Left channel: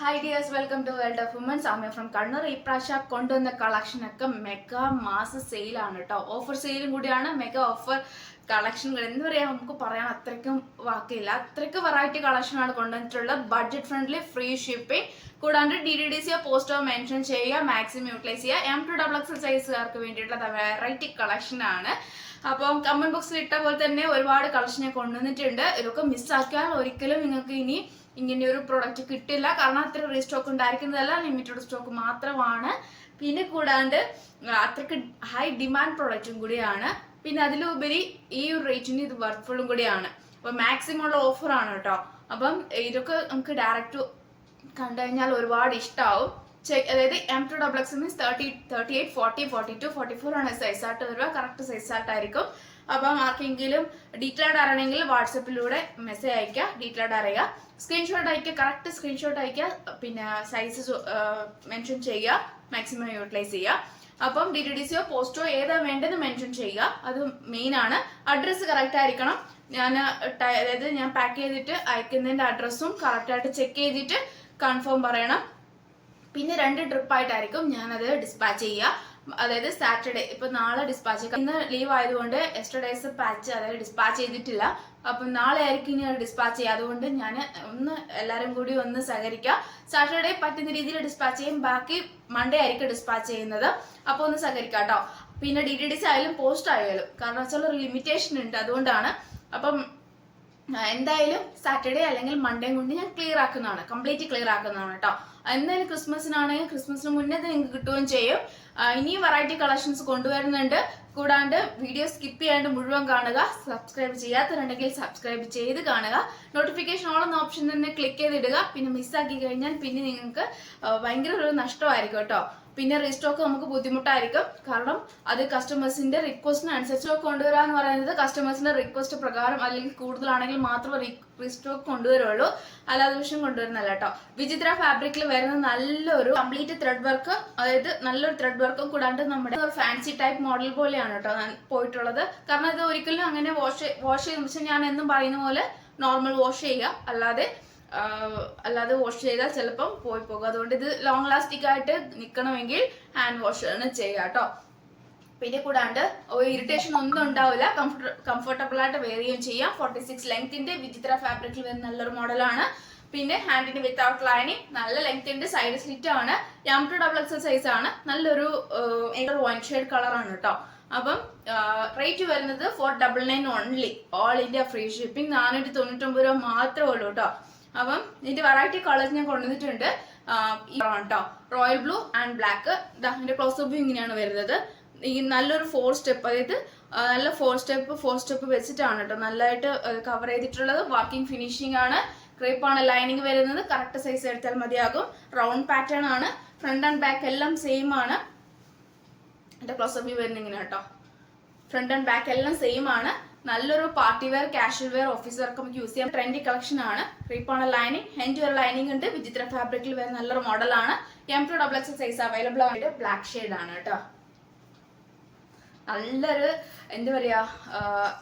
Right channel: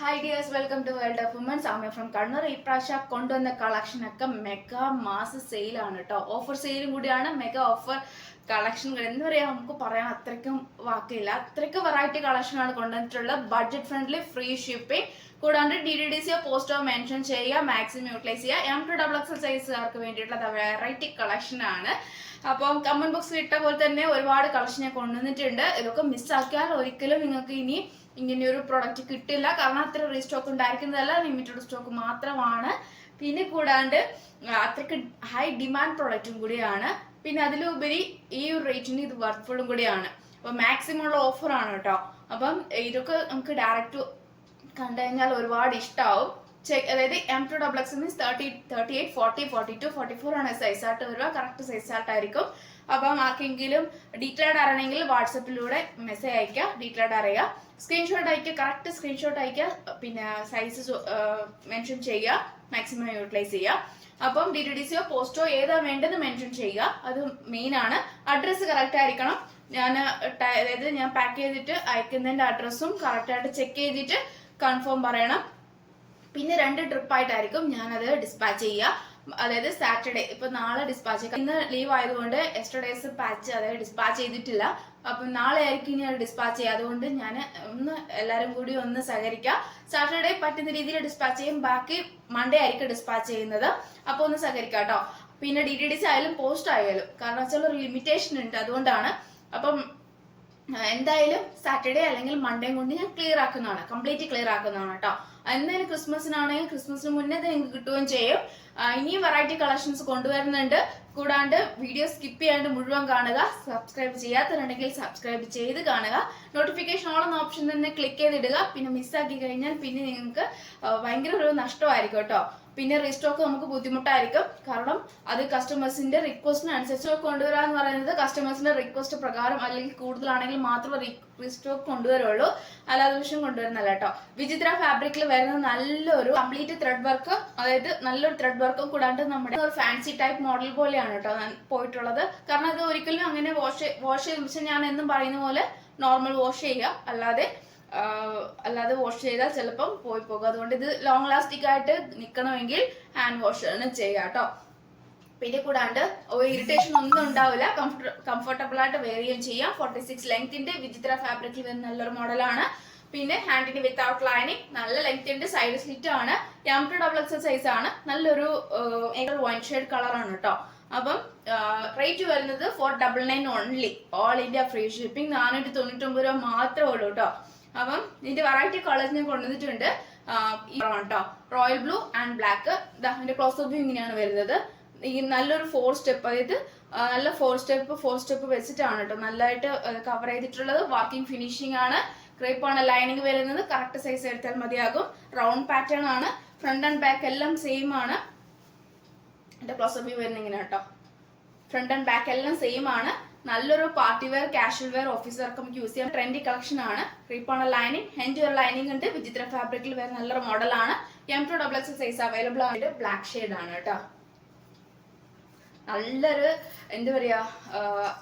Hi dears, welcome to world of women. Soumya from Kannur. ഈ പ്രാവശ്യം കൊണ്ടുവന്ന കളക്ഷനൊക്കെ മെഗാ മാസ് സെയിലാണ് കേട്ടോ. ഓഫർ സെയിലും കൂടിയാണ്. മെഗാ ഓഫർ കളക്ഷനുകൾ എന്ന് പറയാം, നമുക്ക് പറയാൻ അത്രയ്ക്കും വാക്കില്ല. അത്രയ്ക്ക് വെറൈറ്റി കളക്ഷനാണ് കൊണ്ടുവന്നിട്ടുള്ളത്. ബഡ്ജറ്റ് ഫ്രണ്ട്ലി, ഫ്രീ ഷിപ്പിംഗ്, കൂടാണ്ട് DDDC പോസ്റ്റോ മെൻഷൻ ചെയ്യുക, മാക്സിമം യൂട്ടിലൈസ് ചെയ്യുക. M2XX സൈസുകാർക്ക് വേണ്ടിയിട്ടുള്ള വെറൈറ്റി കളക്ഷൻ ആണ്. അപ്പം കമന്റ് ബോക്സിൽ ഇട്ട പോലെ തന്നെ ഒരുപാട് കളക്ഷനെ കൊണ്ടുവന്നിട്ടുണ്ട്. ഇതൊക്കെ മിസ്സാക്കിയാൽ ഒരിക്കലും നിങ്ങൾക്ക് ഇനി ഇങ്ങനെ ഒരു പ്രൊഡക്റ്റ് കിട്ടില്ല. കാരണം അത്ര റീസ്റ്റോക്ക് ഉണ്ടായിരിക്കുന്നതല്ല, ലിമിറ്റഡ് സ്റ്റോക്ക് മാത്രമാണ്. പിന്നെ കൂടാണ്ട് അത്രയ്ക്ക് ഹൈ ഡിമാൻഡ് പ്രൊഡക്റ്റും കൂടിയാണ്. പിന്നെ അതിലുപരി ഈ ഒരു റേറ്റിന് ഇത് വർക്ക്ഫുള്ളും കൂടിയാണ്. അപ്പൊ മാക്സിമം ഉള്ള ഓഫറാണ് കേട്ടോ. അപ്പം ഇതൊക്കെ നമുക്ക് ഡയറക്റ്റ് കണ്ടു കഴിഞ്ഞാൽ ഒരുപാട് ഇഷ്ടമാവും. അതായത് M2XX മീൻസ് 38, 40, 42, 44 ആണ് സൈസായിട്ട് വരിക. കറക്റ്റ് സൈസായിട്ടായിരിക്കും. അപ്പം ആർക്കെങ്കിലും ഡീറ്റെയിൽഡ് അറിയണമെങ്കിൽ വാട്സപ്പിലൂടെ മെസ്സേജ് അയക്കുക, ഡീറ്റെയിൽഡ് അറിയുക, സ്ക്രീൻഷോട്ട് അയക്കുക, കറക്റ്റ് സ്ക്രീൻഷോട്ട് അയക്കുക, പിന്നെ സൈസ് മെൻഷൻ ചെയ്യുക, മാക്സിമം യൂട്ടിലൈസ് ചെയ്യുക. അപ്പം DDDC പോസ്റ്റോ ഏതാ വേണ്ടത് മെൻഷൻ ചെയ്യുക, അത് മെയിൻ ആണ്. അഡ്രസ്സ് കറക്റ്റ് ആയിരിക്കണം. അതായത് ഞാൻ പാക്ക് ചെയ്തിട്ട് അയക്കുന്നതിന്റെ അഡ്രസ്സും കറക്റ്റായിട്ട് ചെക്ക് ചെയ്തിട്ട് കൺഫേം പറയണം. പിന്നെ 2 ട്രിപ്പായിട്ടായിരിക്കും ഞാനത് ഡിസ്പാച്ച് ചെയ്യുക. അതായത് സാറ്റർഡേ, ഇപ്പൊ നാളെ ഡിസ്പാച്ച്, ഇന്ന് ലീവ് ആയതുകൊണ്ട് എസ്റ്റർഡേസ് പാച്ച് അതായത് ഡിസ്പാച്ച് ചെയ്തിട്ടില്ല. അപ്പം നാളെ ആയിരിക്കും ഇനി ഡിസ്പാച്ച് ചെയ്യുക. അതുകൊണ്ട് ഞാൻ എല്ലാവരും കൂടി ഒന്ന് സഹകരിക്കുക. സാറ്റർഡേ പറ്റുന്ന രീതിയിൽ ഡിസ്പാച്ച് ചെയ്യും, ബാക്കി മൺഡേ ആയിരിക്കും ഡിസ്പാച്ച് ചെയ്യുന്നത്. അപ്പൊ ഒന്ന് സഹകരിക്കുക കേട്ടോ. പിന്നെ DDDC ആയാലും പോസ്റ്റ് ആയാലും, കാരണം വെച്ചാൽ ഒരു ലിമിറ്റേഷൻ ഉണ്ട്, അതുകൊണ്ടാണ്. അപ്പം എന്തായാലും സാറ്റർഡേ അല്ലെങ്കിൽ മൺഡേ കൊണ്ട് ഞാൻ ക്ലിയർ ആക്കുന്നതാണ്, കംപ്ലീറ്റ് ക്ലിയർ ആക്കുന്നതാണ് കേട്ടോ. എന്തായാലും ക്രിസ്മസിനാണെങ്കിൽ ക്രിസ്മസിന് മുന്നേ നിങ്ങൾക്ക് കിട്ടുകയും ചെയ്യും. ഇനിയും വെറൈറ്റി കളക്ഷൻസ് കൊണ്ടുവരുന്നുണ്ട്. കൂടാണ്ട് വീഡിയോ സ്കിപ്പ് ചെയ്യാണ്ട് മുഴുവൻ കാണുക. സബ്സ്ക്രൈബ് ചെയ്യാത്തവരുണ്ടെങ്കിൽ സബ്സ്ക്രൈബ് ചെയ്ത് കാണുക. നോട്ടിഫിക്കേഷൻ ഓൾ എന്ന ഓപ്ഷൻ തന്നെ ക്ലിക്ക് ചെയ്തിടുക. പിന്നെ മിസ്സാക്കി കഴിഞ്ഞാൽ പിന്നെ നിങ്ങൾക്ക് ഭയങ്കര ഒരു നഷ്ടമായിരിക്കും കേട്ടോ. പിന്നെ റീസ്റ്റോക്ക് നമുക്ക് ബുദ്ധിമുട്ടായിരിക്കും. കാരണം അത് കസ്റ്റമേഴ്സിന്റെ റിക്വസ്റ്റിനനുസരിച്ച് കൊണ്ടുവരിക എന്ന് പറയുന്നത് കസ്റ്റമേഴ്സിന്റെ റിക്വസ്റ്റ് പ്രകാരം, അല്ലെങ്കിൽ കൂടുതലാണെങ്കിൽ മാത്രമേ റീസ്റ്റോക്ക് കൊണ്ടുവരുള്ളൂ, അല്ലാതെ വിഷയം കൊണ്ടുവരുന്നല്ല കേട്ടോ. വിചിത്ര ഫാബ്രിക്കിൽ വരുന്ന നല്ലൊരു കംപ്ലീറ്റ് ത്രെഡ് വർക്ക്, അതായത് നല്ലൊരു ത്രെഡ് വർക്കും കൂടാണ്ട് നമ്മുടെ ഒരു ഫാൻസി ടൈപ്പ് മോഡൽ പോലെയാണ് കേട്ടോ പോയിട്ടുള്ളത്. കാരണം ഇത് ഒരിക്കലും അങ്ങനെ വാഷ് ചെയ്ത് ഞാൻ എന്നും പറയുന്ന പോലെ നോർമൽ വാഷ് ചെയ്യുക, അല്ലാതെ വാഷ് ചെയ്താൽ ചിലപ്പം പോയി പോകും. അതുകൊണ്ട് ഇത് ലോങ് ലാസ്റ്റിക് ആയിട്ട് നിൽക്കണമെങ്കിൽ ഹാൻഡ് വാഷ് ആണ് ചെയ്യുക കേട്ടോ. പിന്നെ കൂടാണ്ട് ഇറിറ്റേഷൻ ഒന്നും ഉണ്ടാവില്ല, കംഫർട്ടബിൾ ആയിട്ട് വെയർ ചെയ്യുകയും ചെയ്യാം. 46 ലെങ്ത്തിന്റെ വിചിത്ര ഫാബ്രിക്കിൽ വരുന്ന നല്ലൊരു മോഡലാണ്. പിന്നെ ഹാൻഡിന് വിത്തൗട്ട് ലൈനിങ്, നല്ല ലെങ്ത് ഉണ്ട്, സൈഡ് സ്ലിറ്റ് ആണ്, M2XX സൈസ് ആണ്, നല്ലൊരു വൈൻ ഷെയ്ഡ് കളറാണ് കേട്ടോ. അപ്പം റേറ്റ് വരുന്നത് 499 only, all India free shipping. 499 രൂപ മാത്രമേ ഉള്ളൂ കേട്ടോ. അപ്പം ഇതിന്റെ വെറൈറ്റി കളേഴ്സ് ഞാൻ കൊണ്ടുവന്നിട്ടുണ്ട് കേട്ടോ. Royal blue and black. ഇതിന്റെ ക്ലോസപ്പ് വ്യൂ ഇങ്ങനെയാണ് വരുന്നത്. ഈ നല്ലൊരു 4 സ്റ്റെപ്പ്, അതായത് നല്ല 4 സ്റ്റെപ്പ് വെച്ചിട്ടാണ് കേട്ടോ നല്ലതായിട്ട് കവർ ചെയ്തിട്ടുള്ളത്. വർക്കിംഗ് ഫിനിഷിംഗ് ആണ്. ക്രേപ്പ് ആണ് ലൈനിങ് വരുന്നത്. കറക്റ്റ് സൈസ് എടുത്താൽ മതിയാകും. റൗണ്ട് പാറ്റേൺ ആണ്. ഫ്രണ്ട് ആൻഡ് ബാക്ക് എല്ലാം സെയിം ആണ്. എന്റെ ക്ലോസപ്പ് വ്യൂ വരുന്നത് ഇങ്ങനെ കേട്ടോ. ഫ്രണ്ട് ആൻഡ് ബാക്ക് എല്ലാം സെയിം ആണ്. നല്ലൊരു party wear, casual wear, office work നമുക്ക് യൂസ് ചെയ്യാം. ട്രെൻഡി കളക്ഷൻ ആണ്. ക്രീപ്പാണ് ലൈനിങ്, ഹെൻഡ് ഒരു ലൈനിങ് ഉണ്ട്. വിചിത്ര ഫാബ്രിക്കിൽ വരുന്ന നല്ലൊരു മോഡലാണ്. M2XX സൈസ് അവൈലബിൾ ആണ്. ബ്ലാക്ക് ഷെയ്ഡ് ആണ് കേട്ടോ. നല്ലൊരു എന്താ പറയാ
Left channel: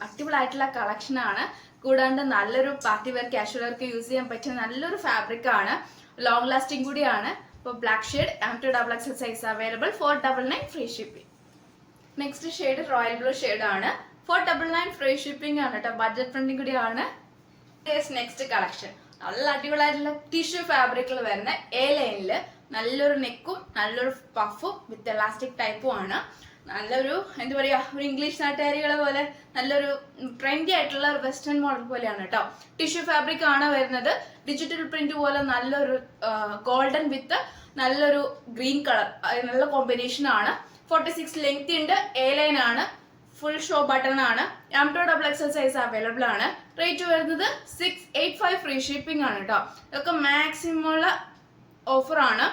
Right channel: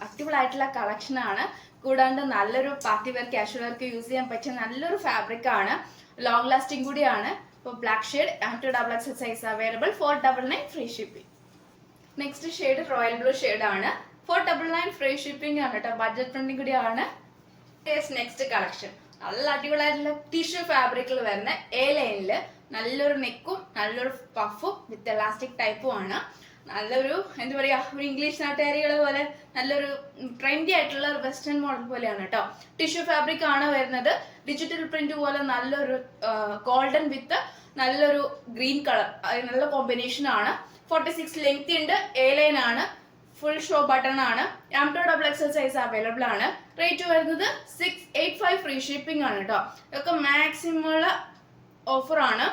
അടിപൊളിയായിട്ടുള്ള കളക്ഷൻ ആണ്. കൂടാണ്ട് നല്ലൊരു party wear, casual work use ചെയ്യാൻ പറ്റിയ നല്ലൊരു ഫാബ്രിക് ആണ്. ലോങ് ലാസ്റ്റിംഗ് കൂടിയാണ്. ഇപ്പോൾ black shade M2XX size available. 499 free shipping. Next shade royal blue shade ആണ്. 499 ഫ്രീ ഷിപ്പിംഗ് ആണ് കേട്ടോ. ബഡ്ജറ്റ് ഫ്രണ്ട്ലി കൂടിയാണ്. നെക്സ്റ്റ് കളക്ഷൻ നല്ല അടിപൊളിയായിട്ടുള്ള ടിഷ്യൂ ഫാബ്രിക്കിൽ വരുന്ന A ലൈനില് നല്ലൊരു നെക്കും നല്ലൊരു പഫും വിത്ത് എലാസ്റ്റിക് ടൈപ്പും ആണ്. നല്ലൊരു എന്താ പറയാ, ഒരു ഇംഗ്ലീഷ് നാട്ടുകാരികളെ പോലെ നല്ലൊരു ട്രെൻഡി ആയിട്ടുള്ള വെസ്റ്റേൺ മോഡൽ പോലെയാണ് കേട്ടോ. ടിഷ്യൂ ഫാബ്രിക് ആണ് വരുന്നത്. ഡിജിറ്റൽ പ്രിന്റ് പോലെ നല്ലൊരു ഗോൾഡൻ വിത്ത് നല്ലൊരു ഗ്രീൻ കളർ, നല്ല കോമ്പിനേഷൻ ആണ്. 46 ലെങ്ത് ഉണ്ട്. A ലൈൻ ആണ്. ഫുൾ ഷോ ബട്ടൺ ആണ്. M2XX സൈസ് അവൈലബിൾ ആണ്. റേറ്റ് വരുന്നത് 685 ഫ്രീ ഷിപ്പിംഗ് ആണ് കേട്ടോ. ഇതൊക്കെ മാക്സിമം ഉള്ള ഓഫർ ആണ്,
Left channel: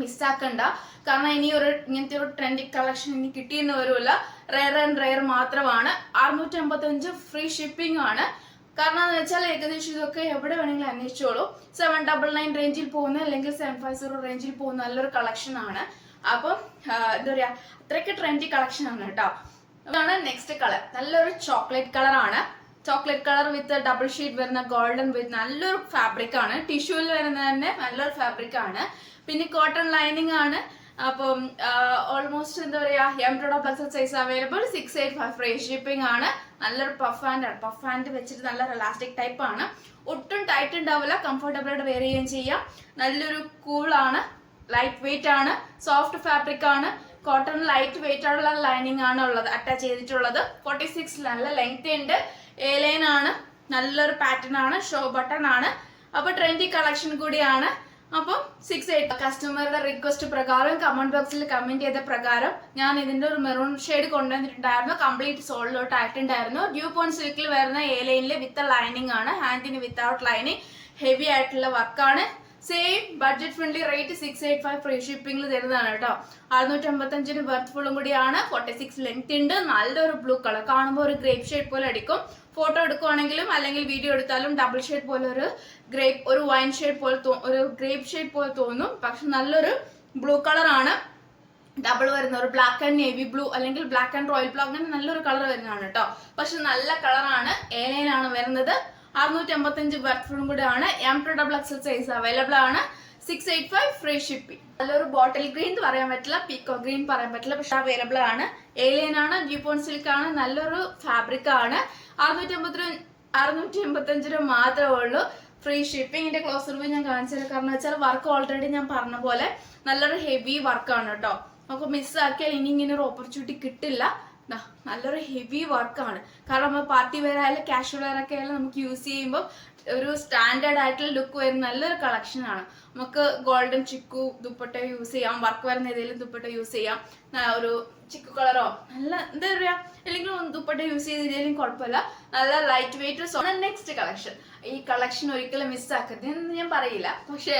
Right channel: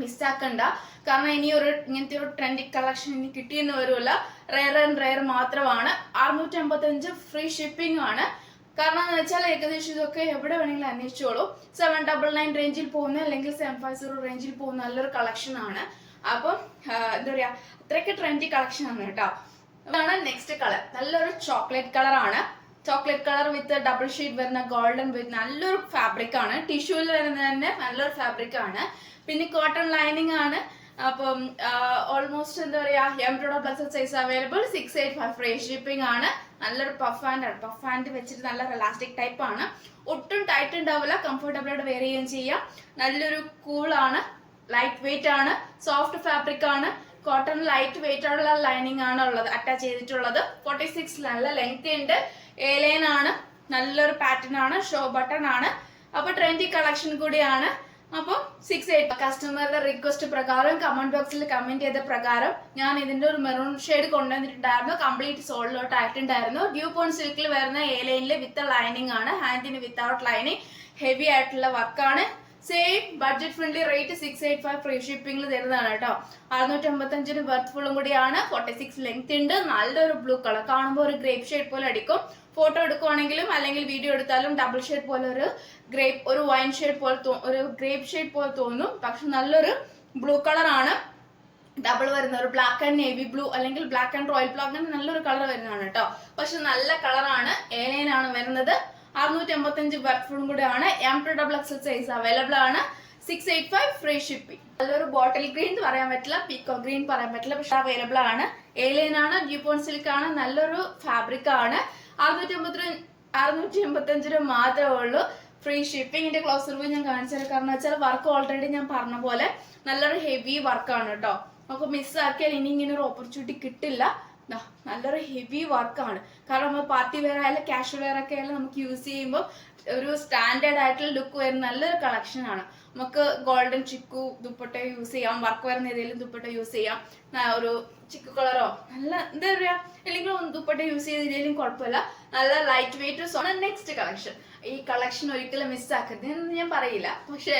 മിസ്സാക്കണ്ട. കാരണം ഇനി ഇങ്ങനത്തെ ഒരു ട്രെൻഡി കളക്ഷൻ ഇനി കിട്ടിയെന്ന് വരില്ല. റെയർ മാത്രമാണ്. 655 ഫ്രീ ഷിപ്പിംഗ് ആണ്. കാരണം എന്ന് വെച്ചാൽ ഏകദേശം ഇതൊക്കെ എവിടെ വേണമെങ്കിലും അന്വേഷിച്ചോളൂ. 799 റേഞ്ചിൽ പോകുന്ന അല്ലെങ്കിൽ 750 റേഞ്ചിൽ പോകുന്ന നല്ലൊരു കളക്ഷൻ ആണ്. അപ്പം എന്താ പറയാ, അത്രയ്ക്ക് ട്രെൻഡി കളക്ഷൻ ആണ് കേട്ടോ. അതാണ് നെക്സ്റ്റ് കളർ. നല്ലൊരു ചോക്ലേറ്റ് കളർ ആണ്. Chocolate colour with double sheet വരുന്ന ഗോൾഡൻ വിത്ത് നല്ലൊരു ഫാബ്രിക് ആണ്. ടിഷ്യൂവിൽ വരുന്ന തന്നെ നല്ലൊരു ഫാബ്രിക് ആണ്. പിന്നെ കോട്ടൺ ലൈനിങ് ആണ്. അപ്പം ഓൾമോസ്റ്റ് എന്താ പറയാ embroidery plus size available 685 free shipping ആണ്. നല്ലൊരു പഫ് ഹാൻഡ് ആണ്. പഫ് ഹാൻഡ് വെച്ചിട്ട് നല്ല ഇലാസ്റ്റിക് ടൈപ്പ് ആണ്. ഒട്ടും ടൈറ്റ് ഉണ്ടാവില്ല. കംഫർട്ടബിൾ ആയിട്ട് വെയർ ചെയ്യുകയും ചെയ്യാം. നല്ലൊരു കൂൾ ആണ്. ലൈറ്റ് വെയിറ്റ് ആണ്. സോഫ്റ്റ് ഫാബ്രിക് ആണ്. കോട്ടൺ ലൈറ്റ് വെയിറ്റ് ആയിട്ടുള്ള ലൈനിങ് ആണ് ഉള്ളത് അറ്റാച്ച് ചെയ്തിട്ടുള്ളത്. 46 നല്ല ലെങ്ത് ഉണ്ട്. എ ലൈൻ ആണ്. നല്ലൊരു പാറ്റേൺ ആണ്. ഷോ ബട്ടൺ ആണ്. അപ്പൊ ട്രെൻഡി കളക്ഷൻ കൂടിയാണ്. അപ്പം 68 കസ്റ്റമറുടെ റിക്വസ്റ്റ് പ്രകാരം കമന്റ് ബോക്സിൽ കമന്റ് ചെയ്ത പ്രകാരം ഞാൻ ഇതിന്റെ ഒരു മെറൂൺ ഷെയ്ഡ് കൊണ്ടുവന്നിട്ടുണ്ടായിരുന്നു. കംപ്ലീറ്റ് സോൾഡ് ഔട്ട് ആയിട്ടുണ്ടായിരുന്നു. ഡ്യൂ പോയിന്റ് സിൽക്കിൽ വരുന്ന എ ലൈനിൽ വിത്ത് ലൈനിങ് ആണ്. ഹാൻഡിന് വിത്തൗട്ട് ലൈനിങ് ഹെവി ആയിട്ടുള്ള വർക്കാണ്. Same budget friendly rate 685 free ഷിപ്പിംഗിൽ തരുന്നതാണ് കേട്ടോ. 655 വർത്ത് കൂടിയാണ്. 46 ലെങ്ത് ഉണ്ട്. നല്ലൊരു ബ്ലൂ കളർ കാണുമ്പോൾ ഒരു ഗ്രേപ്പ് ഷെയ്ഡ് പോലെ അടിക്കും. ഫോട്ടോ എടുക്കുവാണെങ്കിലും അല്ലെങ്കിൽ വീഡിയോ എടുത്താലും ഡബിൾ ഷെയ്ഡ് പോലെ ഒരു വൈൻ ഷെയ്ഡ് പോലെ ഒരു ഗ്രേപ്പ് ഷെയ്ഡ് പോലെ തോന്നും. പക്ഷെ നല്ലൊരു ബ്ലൂ കളർ ആണ്. ഡബിൾ വരുന്ന ഒരു ബ്ലാക്ക് ആൻഡ് നേവി ബ്ലൂ അല്ലെങ്കിൽ ബ്ലാക്ക് ആൻഡ് റോയൽ ബ്ലൂ അങ്ങനെ നല്ലൊരു കളർ വരുന്നതാണ് കേട്ടോ. പക്ഷെ നല്ല കളറാണ്. എ ലൈൻ ആണ് വരുന്നത്. 655 വർക്കും കൂടെ ആണ്. M2XL സൈസ് അവൈലബിൾ ആണ്. 685 ഫ്രീ ഷിപ്പിംഗ്. നല്ലൊരു ബോട്ടിൽ ഗ്രീൻ എന്ന് പറയാൻ പറ്റില്ല, പീക്കോ ഗ്രീൻ പറയാൻ പറ്റില്ല, പക്ഷെ അവൈലബിൾ ആണ്. എ ലൈൻ ആണ്. ജിപ്പോൺ സിൽക്ക് ആണ്. നല്ലൊരു ഫാബ്രിക് ആണ്. 685 മാത്രമേ ഉള്ളൂ ഫ്രീ ഷിപ്പിംഗിന്റെ ക്ലോസ് റിവ്യൂ ഞാൻ കാണിച്ചത്. കാരണം വെച്ചാൽ വർക്ക് ഓൾറെഡി ഞാൻ പറഞ്ഞ പോലെ നല്ലൊരു ഹെവി വർക്കാണ് കേട്ടോ. നമുക്ക് മിസ്സാക്കിയാൽ ഇനി ഇങ്ങനെ ഒരു ഓപ്പർച്യൂണിറ്റി കിട്ടില്ല. നല്ലൊരു ഹെവി വർക്കാണ്. കാരണം നമ്മൾ പാർട്ടി വെയർ ആയാലും കാഷ്വൽ വെയർ ഒക്കെ ആയാലും നമുക്ക് യൂസ് ചെയ്യുമ്പോൾ ഒരു സ്റ്റാൻഡേർഡ് ആയിട്ടുള്ള ലുക്ക് വരുന്ന നല്ലൊരു കളക്ഷൻ ആണ്. നമുക്ക് ഗോൾഡൻ ചിക്കു ദുപ്പട്ട യൂസ് ചെയ്യാം. വർക്ക് വരുന്ന ഏതെങ്കിലും ദുപ്പട്ട യൂസ് ചെയ്യാം. ഒരു ചിക്കു കളറോ നല്ല എന്താ പറയാ അല്ലെങ്കിൽ ദുപ്പട്ട യൂസ് ചെയ്തില്ലെങ്കിലും കുഴപ്പമില്ല. നല്ല ലൈറ്റ് വെയിറ്റ്. Next collection. ഈ കളക്ഷൻ ഒരിക്കലും മിസ്സാക്കരുത് എന്ന് ഞാൻ പറയില്ല. പക്ഷെ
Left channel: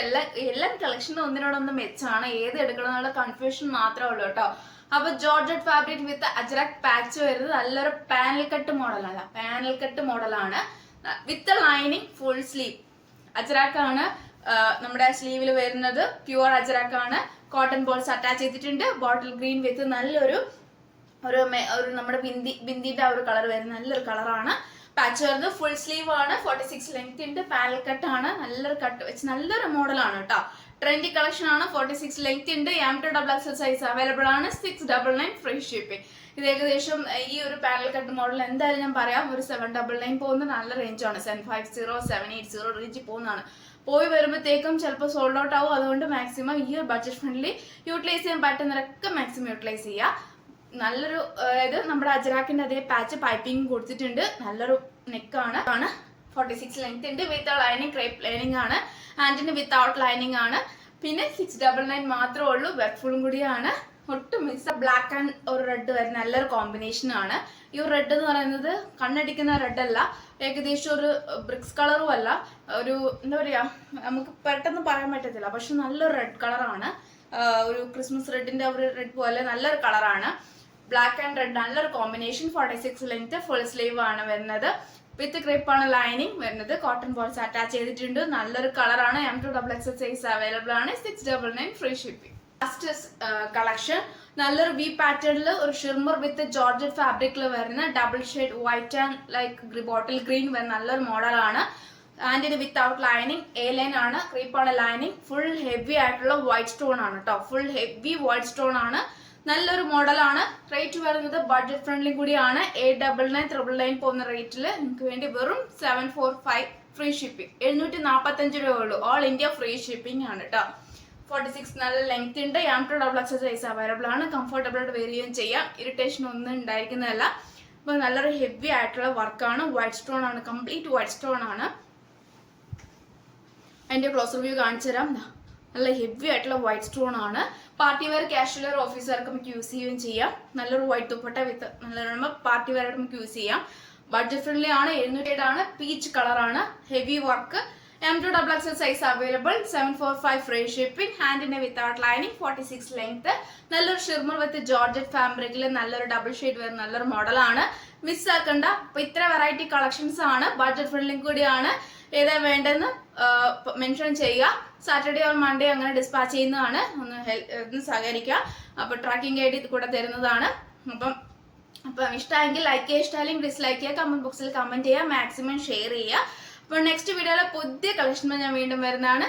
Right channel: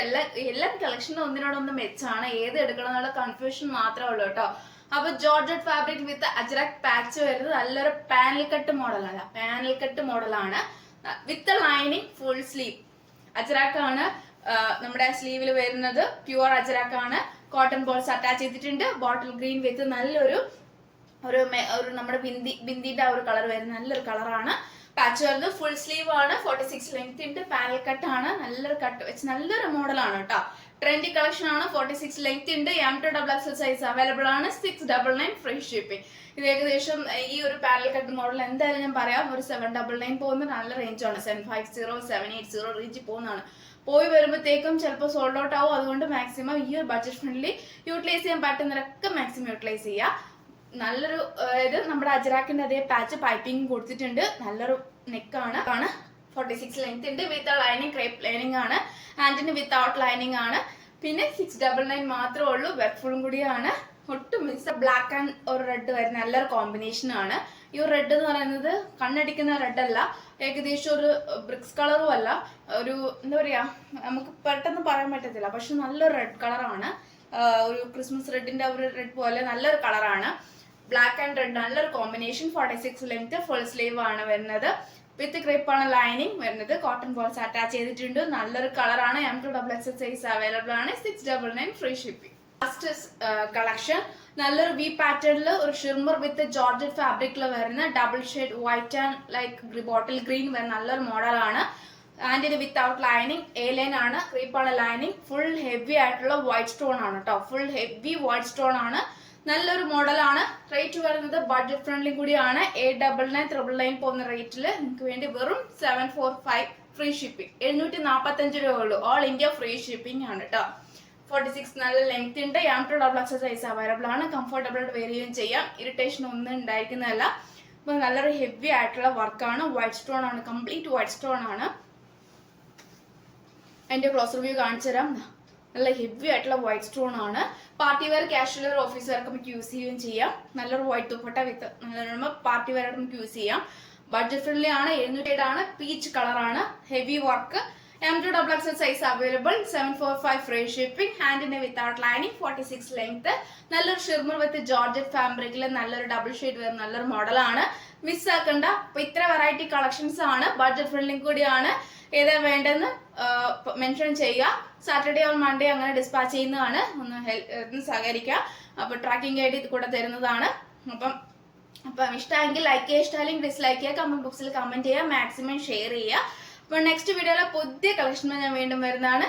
എല്ലാ കളക്ഷനും ഒന്നിനോടൊന്ന് മെച്ചാണ്. ഏത് എടുക്കണം എന്നുള്ള കൺഫ്യൂഷൻ മാത്രമേ ഉള്ളൂ കേട്ടോ. അപ്പൊ georgette fabric with ajrak patch വരുന്നത് നല്ലൊരു പാനൽ കട്ട് മോഡലാണ്. പാനൽ കട്ട് മോഡലാണ് with lining full sleeve. Ajrak ആണ് നമ്മുടെ സ്ലീവിൽ വരുന്നത്. പ്യുവർ അജ്രക് ആണ്. കോട്ടൺ ബോൾസ് അറ്റാച്ച് ചെയ്തിട്ടുണ്ട്. ബോട്ടിൽ ഗ്രീൻ വിത്ത് നല്ലൊരു നമ്മുടെ ബിന്ദിന്റെ ആ ഒരു കളർ വരുന്ന നല്ലൊരു കളറാണ്. പാച്ച് വരുന്നത് ഫുൾ സ്ലീവ് ആണ്. 46 ലെങ്ത് ഉണ്ട്. പാനൽ കട്ട് ആണ്. നല്ലൊരു കട്ട് വെച്ച് നല്ലൊരു മോഡലാണ് കേട്ടോ. ട്രെൻഡി കളക്ഷൻ ആണ്. 46 ലെങ്ത് ഉണ്ട്. M2XL സൈസ് അവൈലബിൾ ആണ്. 699 ഫ്രീ ഷിപ്പിംഗ്. ഇത് ഏകദേശം ഈ ഒരു പാനൽ കട്ട് മോഡൽ എന്തായാലും ഞാൻ പറയാം ഒരു 799 പോകുന്ന നല്ല റേഞ്ചാണ്. 750 780 റേഞ്ച് പോകുന്നതാണ്. പോയി വരുമ്പോഴത്തേക്കും ചിലപ്പോൾ സോൾഡ് ഔട്ട് ആവും. അതുകൊണ്ട് മാക്സിമം ഈ ഒരു ബഡ്ജറ്റ് ഫ്രണ്ട്ലി യൂട്ടിലൈസ് ചെയ്യാൻ പറ്റുന്നവരൊക്കെ മാക്സിമം യൂട്ടിലൈസ് ചെയ്യുക. നല്ലൊരു ഇത് നമ്മുടെ അജ്രാക്കിന്റെ അതേ പാച്ച് പൈപ്പിംഗ് കൊടുത്തിട്ടുണ്ട്. നല്ലൊരു നെക്കാണ്. 46 ലെങ്ത് ഉണ്ട്. വിത്ത് ലൈനിങ് ക്രേപ്പ് ലൈനിങ് ആണ്. ഹാൻഡിന് വിത്തൗട്ട് ലൈനിങ് ആണ്. പിന്നെ 699 മാത്രമേ ഉള്ളൂ. വെർഫുളും കൂടിയാണ്. ഒട്ടും മിസ്. ബ്ലാക്ക് ആൻഡ് ഒരു റെഡ് വരുന്ന നല്ലൊരു കോമ്പിനേഷൻ ആണ്. ഈ ഒരു റെഡ് എന്ന് പറയുന്നത് കണ്ണടിക്കുന്ന റെഡ് അല്ല. ഏകദേശം ഒരു ബ്രിക്സ് കളറും അല്ല. ഒരു എന്താ പറയാ നമുക്ക് പെട്ടെന്ന് പറയാൻ പറ്റത്തില്ല. പക്ഷെ നല്ലൊരു റെഡ് കളറാണ്. ഒരു ക്രിസ്മസ് റെഡിന്റെ ഒരു റെഡ് പോലെ നല്ലൊരു കളറാണ്. ബ്ലാക്ക് ആൻഡ് റെഡ് നല്ലൊരു കോമ്പിനേഷൻ. 46 ലെങ്ത് ഫുൾ സ്ലീവ് ആണ് വരുന്നത്. വിത്ത് ക്രേപ്പ് ആണ് ലൈനിങ് വരുന്നത്. കോട്ടൺ ബോൾസ് അറ്റാച്ച് ചെയ്തിട്ടുണ്ട്. നല്ലൊരു കളറാണ്. M2XL സൈസ് അവൈലബിൾ ആണ്. 699 ഫ്രീ ഷിപ്പിംഗ്. ലാസ്റ്റ് കളക്ഷൻ നല്ലൊരു വി പാറ്റേണിൽ ഒരു ഷിർമർ വിത്ത് ജോർജറ്റ് ഫാബ്രിക്കിൽ വരുന്ന double shade white and like bottle green വരുന്ന നല്ലൊരു മോഡലാണ്. And without lining. A line ആണ്. ക്രീപ്പാണ് ലൈനിങ്. ഫുൾ ഹെവി ആയിട്ടുള്ള വൈറ്റ് സ്റ്റോൺ ആണ് കേട്ടോ. ഫുൾ ഹെവി വൈറ്റ് സ്റ്റോൺ ആണ്. നല്ലൊരു മോഡലാണ്. റേറ്റ് വരുന്നത് ബഡ്ജറ്റ് ഫ്രണ്ട്ലി കൂടിയാണ്. 899 പോകുന്ന റേറ്റിൽ നിങ്ങൾക്ക് വേണ്ടി വെറും 745 ഫ്രീ ഷിപ്പിംഗ്. 745 രൂപ ഉള്ളൂ. ഓൾ ഇന്ത്യ ഫ്രീ ഷിപ്പിംഗ് ആണ് കേട്ടോ. 46 നല്ല ലെങ്ത് ഉണ്ട്. M2XL സൈസ് അവൈലബിൾ ആണ്. കംഫർട്ടബിൾ ആയിട്ട് വെയർ ചെയ്യുകയും ചെയ്യാം. ഇറിറ്റേഷൻ ഒന്നും ഉണ്ടായിരിക്കുന്നതല്ല. അപ്പൊ നല്ലൊരു ഹെവി ആയിട്ടുള്ള വർക്കാണ്. വൈറ്റ് സ്റ്റോൺ ആണ്. കംപ്ലീറ്റ് വൈറ്റ് സ്റ്റോൺ ആണ്. അതിന്റെ ക്ലോസ് റിവ്യൂ കാണിച്ചു തരാം. നല്ല ഹെവി ആയിട്ടുള്ള വൈറ്റ് സ്റ്റോൺ ആണ്. Party wear casual wear office wear നമുക്ക് യൂസ് ചെയ്യുകയും ചെയ്യാം. നല്ലൊരു വൈറ്റ് ദുപ്പട്ട വിത്ത് നല്ല പാർട്ടി വെയർ ആയിട്ട് നമുക്ക് യൂസ് ചെയ്യാം. ബഡ്ജറ്റ് ഫ്രണ്ട്ലി ആണ്. 700 ആണ്. പീച്ച് കളറാണ്. Heavy work. M2XL size available. 745 free shipping. ഹാൻഡിന് വിത്തൗട്ട് ലൈനിങ്. 46 ലെങ്ത്. നല്ലൊരു ഷിർമർ വിത്ത് ജോർജറ്റ് ഫാബ്രിക്കിൽ നല്ലൊരു ഡബിൾ ഷെയ്ഡ് വരുന്ന നല്ലൊരു മോഡലാണ്. മിസ് ആക്കണ്ട. അപ്പൊ ഇത്ര വെറൈറ്റി കളക്ഷൻസ് ആണ്. ബഡ്ജറ്റ് ഫ്രണ്ട്ലി കൂടിയാണ്. ഏതാ വേണ്ടെന്ന് മെൻഷൻ ചെയ്യുക. സാറ്റർഡേ ഓർ മൺഡേ അങ്ങനെ ഡിസ്പാച്ച് ചെയ്യുന്നതാണ്. ഒന്ന് സഹകരിക്കുക. അപ്പൊ ട്രാക്കിംഗ് ഐഡി കൂടെ തരുന്നതാണ്. അപ്പം അപ്പം ഇഷ്ടമെങ്കിൽ ലൈക്ക് ചെയ്യുക, ഇഷ്ടമല്ലെങ്കിൽ ഡിസ്ലൈക്ക് ചെയ്യുക, കമന്റ് ബോക്സിൽ കമന്റ് ചെയ്യുക, മാക്സിമം ഷെയർ ചെയ്യുക. അപ്പോൾ നെക്സ്റ്റ് വീഡിയോയിലെ പുതിയ കളക്ഷനുമായി ഞാൻ വീണ്ടും വരുന്നതാണ്.